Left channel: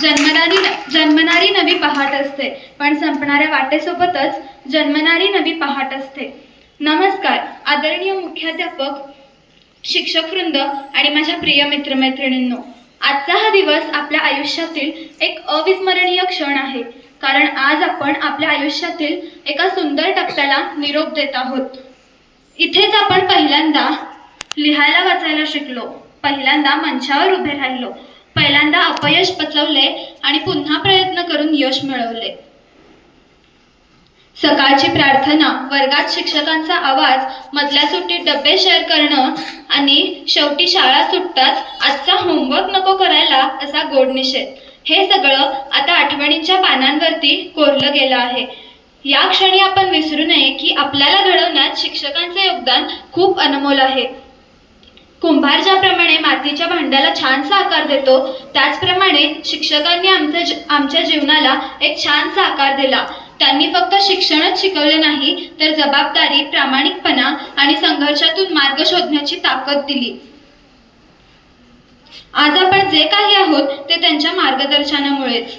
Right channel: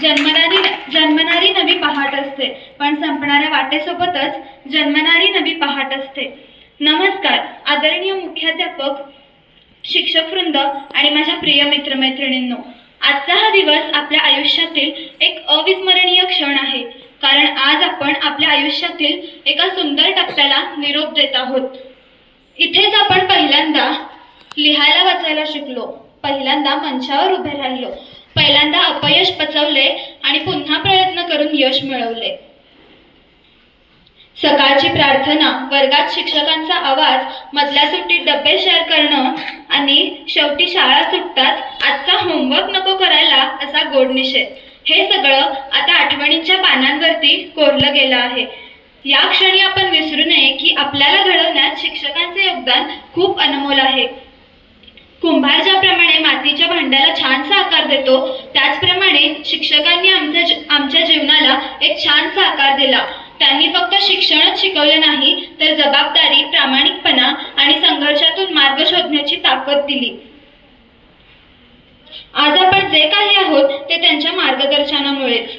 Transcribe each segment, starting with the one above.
जन्मणारी नवी पहाट असते, पण संपणाऱ्या वाटेसोबतच जन्मणारी नवी पहाट असते. नमस्कार आदरणीय मुख्याध्यापक, शिक्षकवृंद आणि माझ्या प्रिय मित्रमैत्रिणींनो. आजचा हा दिवस आपल्या आयुष्यातील एक अविस्मरणीय क्षण आहे, कारण आज आपण आपल्या आयुष्यातील एका सुंदर टप्प्याला निरोप देत आहोत. इथेच आपण पहिल्यांदा लिहायला वाचायला शिकलो, पहिल्यांदा मंचावर उभे राहिलो, पहिल्यांदा अपयश पचवले आणि पुन्हा प्रयत्न करून यश मिळवले. सकाळची प्रार्थना, वर्गात शिक्षकांचा आवाज, मधल्या सुट्टीत डबे शेअर करणं आणि शेवटी शाळा सुटताच आजचा होमवर्क नको करायला असा गोड निषेध, हे सगळं आता आठवणींच्या पानांवरती कोरलं गेलं आहे. या क्षणी आपण विसरू नये की आपल्याला घडवण्यात शिक्षकांचे योगदान खूप अनमोल आहे. कुंभार ज्याप्रमाणे मातीच्या भांड्याला छानसा आकार देतो, त्याचप्रमाणे शिक्षकांनी आमच्या जीवनाला एक छानसा आकार दिला. त्यांनी फक्त शिक्षणच शिकवले नाही, तर जबाबदारी, प्रामाणिकपणा आणि संघर्षातून मार्ग शोधण्याची ताकद दिली. आज आपण जे काही आहोत ते त्यांच्या मार्गदर्शनामुळेच.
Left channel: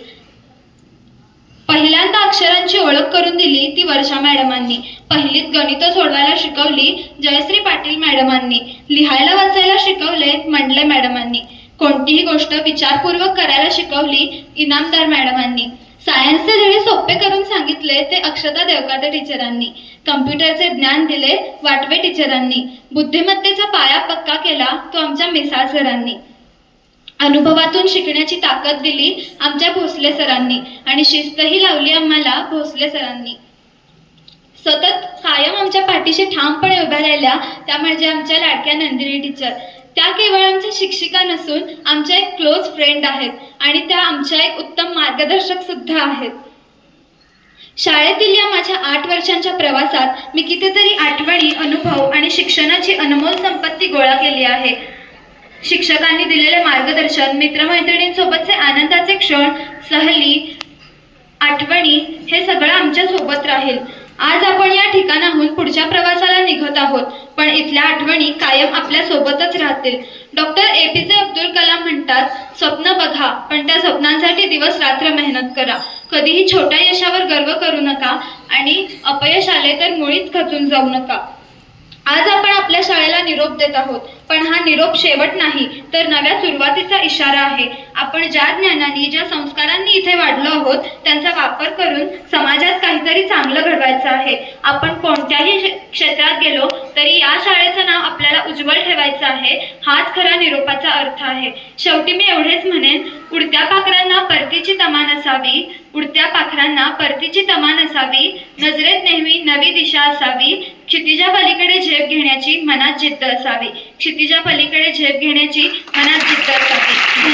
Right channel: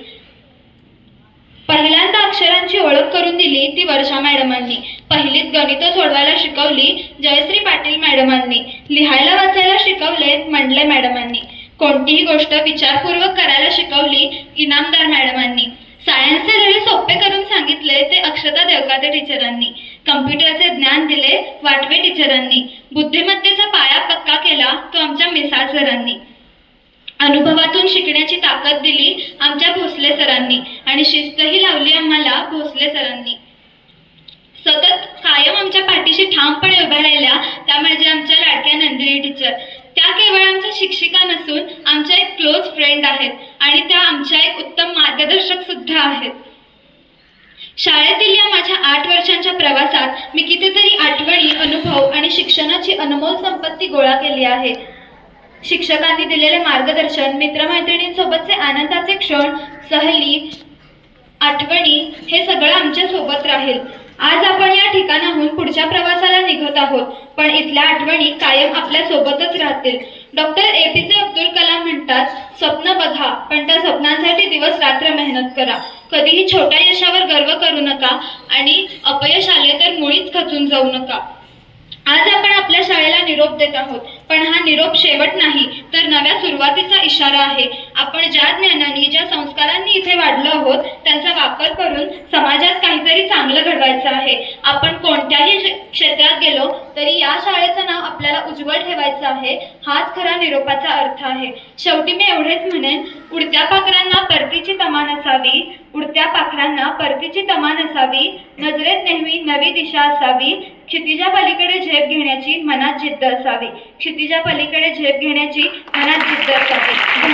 पहिल्यांदा अक्षरांची ओळख करून दिली ती वर्षा मॅडमांनी. पहिलीत गणितं सोडवायला शिकवली जयश्री पाटील मॅडमांनी. लिहायला वाचायला शिकवले मंडले मॅडमांनी. कोणतीही गोष्ट विचारपूर्वक करायला शिकवली इनामदार मॅडमांनी. सायन्सचे धडे सोपे करून सांगितले ते अक्षता देवकाते टीचरांनी. कम्प्युटरचे ज्ञान दिले वाटवे टीचरांनी. बुद्धिमत्तेचा पाया पक्का केला तो आमच्या मिसाळ सरांनी. अनुभवातून शिकण्याची ताकद दिली आमच्या भोसले सरांनी आणि शिस्तही लावली आम्हाला भोसले सरांनी. सतत कायम आमच्या पाठीशी ठामपणे उभ्या राहिल्या त्या म्हणजे आमच्या लाडक्या नंदिनी टीचर. त्या केवळ आमच्या शिक्षिका नसून आमच्या एक क्लोज फ्रेंड आहेत आणि त्या आमच्या एक उत्तम मार्गदर्शक सुद्धा आहेत. शाळेतील या माझ्या 8 वर्षांच्या प्रवासात मी कितीतरी आठवणी, अनुभव आणि शिक्षणाची अनमोल संपत्ती गोळा केली आहे. शिक्षकांनी दिलेले मार्गदर्शन, मित्रमैत्रिणींसोबतचे आनंदाचे क्षण, सहली, आठवणी हे सगळं आमच्या सोबत राहील. आज आपण या ठिकाणाहून पुढच्या प्रवासाला निघत आहोत, पण इथल्या आठवणी कायम आपल्या सोबतच राहतील. डॉक्टर APJ अब्दुल कलाम म्हणतात, स्वप्न बघा पण त्या स्वप्नांसाठी दिवस रात्र मेहनत करा. कधीही छोट्या यशावर गर्व करू नका आणि अपयश आले तर मुळीच खचून जाऊ नका. आज आपण आपल्या शाळेला निरोप देत आहोत, पण हा निरोप शेवट नाही तर नव्या सुरुवातीचा इशारा आहे. आपण ज्या ज्ञानाने, ज्या संस्कारांनी इथे वाढलो आहोत त्यांचा वापर करून समाजात काहीतरी चांगलं घडवायचं आहे. आपण कोणत्याही क्षेत्रात गेलो तरी या शाळेचं नाव आपल्याला उज्ज्वल ठेवायचं आहे. हाच खरा निरोपाचा अर्थ आहे. शेवटी मी एवढेच म्हणेन, उडत्या पाखरांना परतीची तमा नसावी, उडत्या पाखरांना परतीची तमा नसावी, नजरेत नेहमी नवी दिशा असावी, क्षितिजा पलीकडे झेप घेण्याची मनात जिद्द असावी, क्षितिजा पलीकडे झेप घेण्याची मनात जिद्द असावी.